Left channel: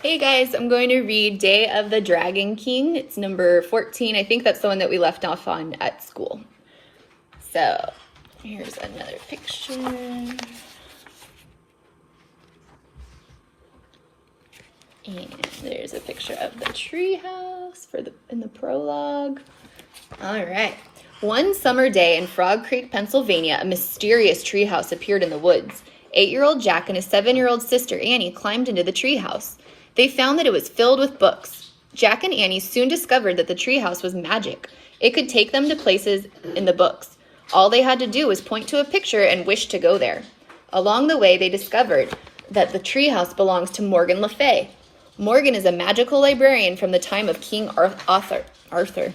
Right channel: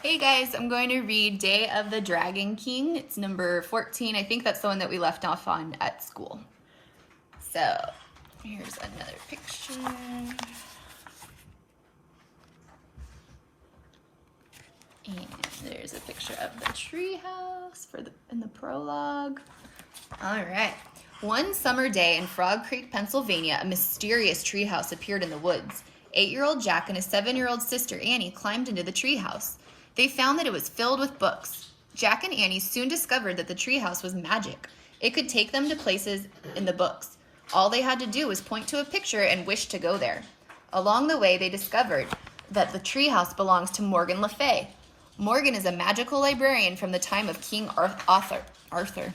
Hey guys, I'm going to read Day of the Dragon King. It's number 14. I think that's the one that we left off on at school. So here's another picture. And there's a picture of the treehouse in the prologue. All right. One summer day in Frog Creek, Pennsylvania, a mysterious treehouse appeared in the woods. 8-year-old Jack and his 7-year-old sister Annie climbed into the treehouse. They found that it was filled with books. Jack and Annie soon discovered that the treehouse was magic. It could take them to places in the books. All they had to do was point to a picture and wish to go there. Along the way, they discovered that the treehouse belongs to Morgan Le Fay. Morgan is a magical librarian from the time of King Arthur.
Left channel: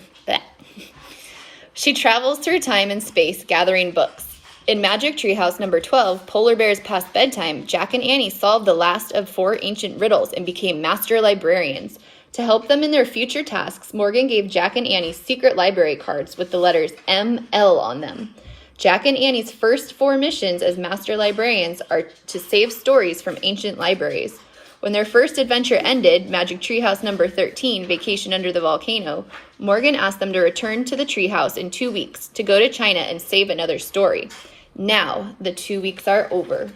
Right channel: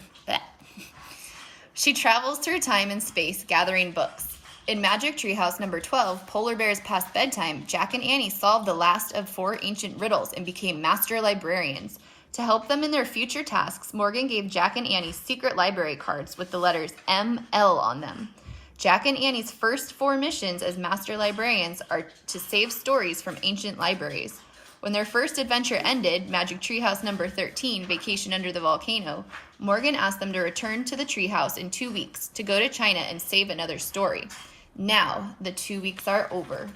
She travels through time and space, gathering books. In Magic Treehouse number 12, Polar Bears Past Bedtime, Jack and Annie solved the last of 4 ancient riddles and became master librarians. To help them in their future tasks, Morgan gave Jack and Annie secret library cards with the letters ML on them. Jack and Annie's first 4 missions as master librarians are to save stories from ancient libraries. When their first adventure ended, Magic Treehouse number 13, Vacation Under the Volcano, Morgan asked them to return to the treehouse in 2 weeks to go to China and save another story. Now, the 2 weeks are over.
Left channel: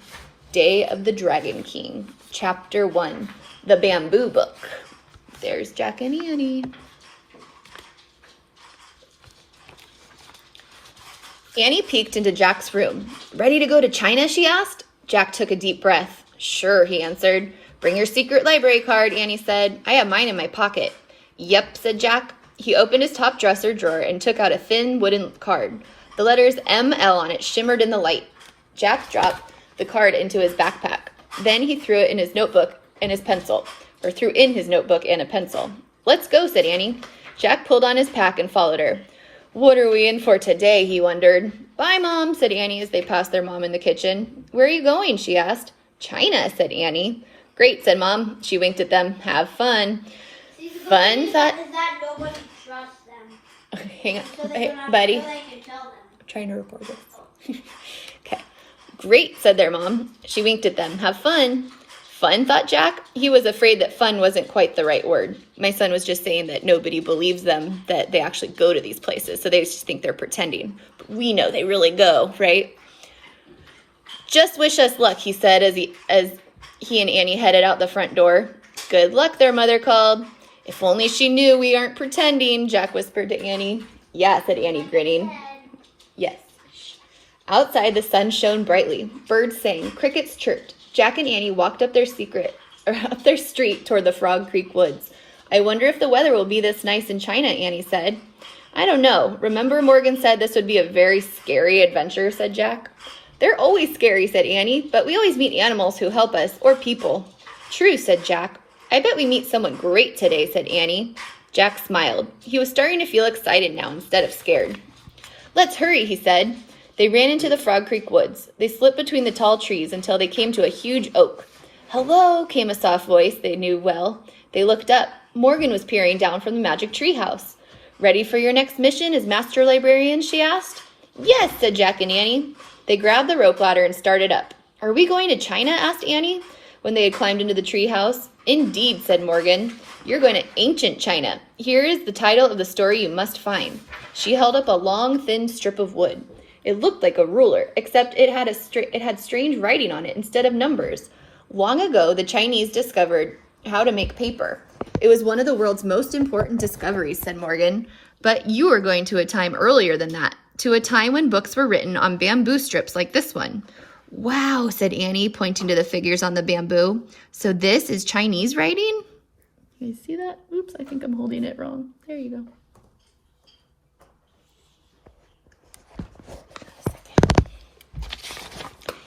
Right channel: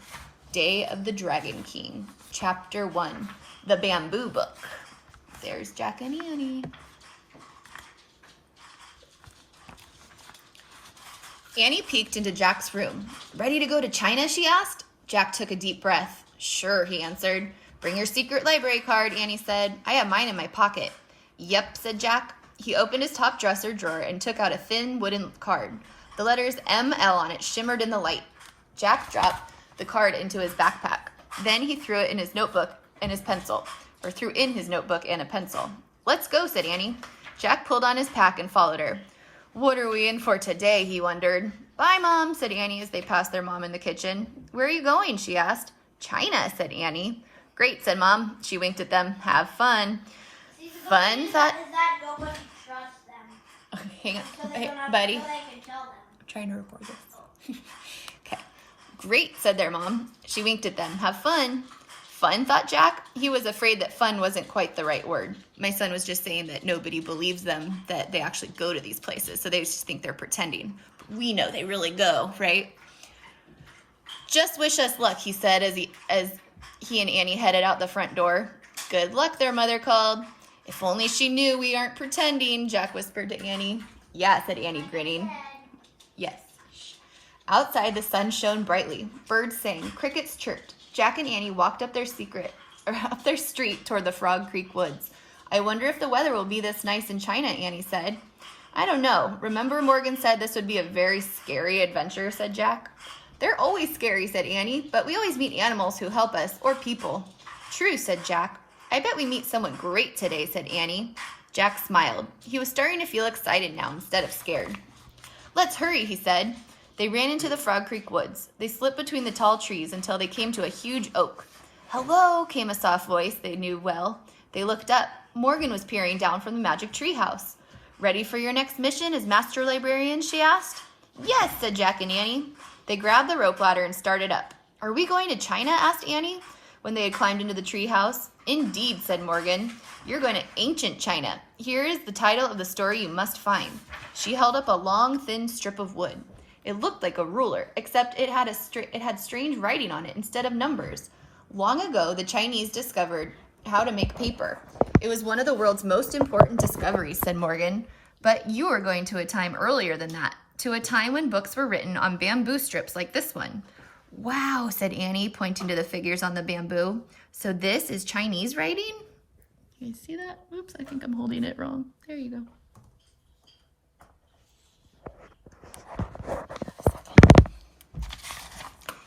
Day of the Dragon King, Chapter 1, The Bamboo Book. There's Jack and Annie. Annie peeked into Jack's room. Ready to go to China, she asked. Jack took a deep breath. Sure, he answered. Bring your secret library card, Annie said. I have mine in my pocket. Yep, said Jack. He opened his top dresser drawer and took out a thin wooden card. The letters ML on it shimmered in the light. Jack dropped the card into his backpack. Then he threw it in his notebook and his pencil, or threw in his notebook and a pencil. Let's go, said Annie. Jack pulled on his pack and followed her. What are we in for today, he wondered. Bye, Mom, said Annie as they passed their mom in the kitchen. Where are you going, she asked. China, said Annie. Great, said Mom. She winked at them. Have fun. Fun, thought... Is that nobody trusts them. Hang on. So Hey, buddy. I'm trying to record this. Okay. Great, said their mom. She winked at them. Have fun. Fun, thought Jack. He was afraid that fun wasn't quite the right word. My son was just saying that nobody believes them, that they actually go to these places, so they just think they're pretending. But we know they really go, right? Just wish us luck, he said as he and Annie headed out the front door. Good luck, their mother called. If only she knew we aren't pretending, Jack whispered to Annie. Yeah, said Annie, grinning. Yes. Outside, the sun shone brightly. Birds sang. Crickets chirped. Jack and Annie walked up their street toward the Frog Creek woods. I wonder if the weather will be this nice in China, Annie said. I don't know. Remember Morgan said this would be a very scary adventure, said Jack. They're always scary, said Annie, but we always meet animals who help us, or people. True, said Jack. I bet we meet someone great today, said Annie. Jack smiled. He was starting to feel excited now instead of scared. Let's hurry, he said. They ran into the Frog Creek woods. They slipped between the tall trees until they came to a huge oak. Hello, came a soft voice they knew well. They looked up. Morgan was peering down from the magic treehouse. Ready for your next mission as master librarian, she asked. Yes, said Jack and Annie. They grabbed the rope ladder and started up. Are we going to China, asked Annie, when they had climbed into the treehouse. Indeed, said Morgan. You're going to ancient China. Here is the title of the story you must find. She held up a long, thin strip of wood. It looked like a ruler, except it had strange writing on it instead of numbers. Long ago, the Chinese discovered how to make paper. It was one of the world's most important discoveries, said Morgan. But you are going to a time earlier than that, to a time when books were written on bamboo strips like this one. Wow, said Annie, pointing to the figures on the bamboo. So this is Chinese writing? Can you see that? Oops, I think I'm holding it wrong. There you go.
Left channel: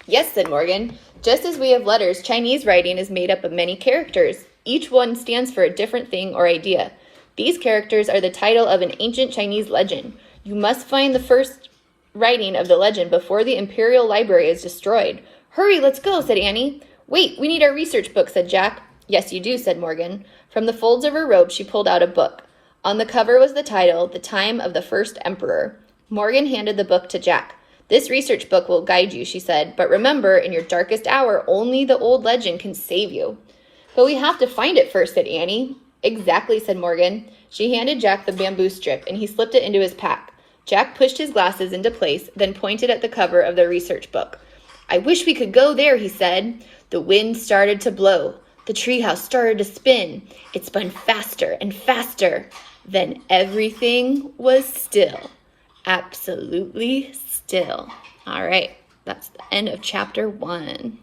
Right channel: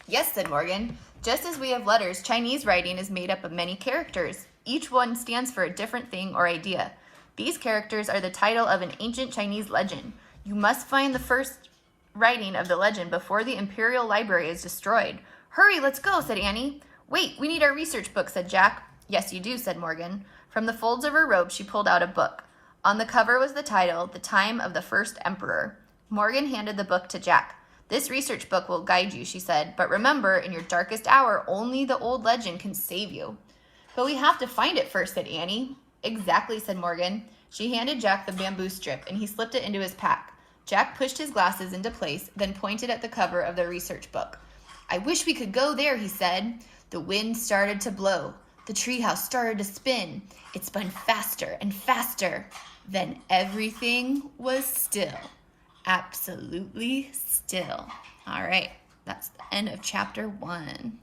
Yes, said Morgan. Just as we have letters, Chinese writing is made up of many characters. Each one stands for a different thing or idea. These characters are the title of an ancient Chinese legend. You must find the first writing of the legend before the Imperial Library is destroyed. Hurry, let's go, said Annie. Wait, we need our research book, said Jack. Yes, you do, said Morgan. From the folds of her robe, she pulled out a book. On the cover was the title, The Time of the First Emperor. Morgan handed the book to Jack. This research book will guide you, she said, but remember, in your darkest hour, only the old legend can save you. But we have to find it first, said Annie. Exactly, said Morgan. She handed Jack the bamboo strip, and he slipped it into his pack. Jack pushed his glasses into place, then pointed at the cover of the research book. I wish we could go there, he said. The wind started to blow. The treehouse started to spin. It spun faster and faster. Then everything was still. Absolutely still. All right, that's the end of chapter 1.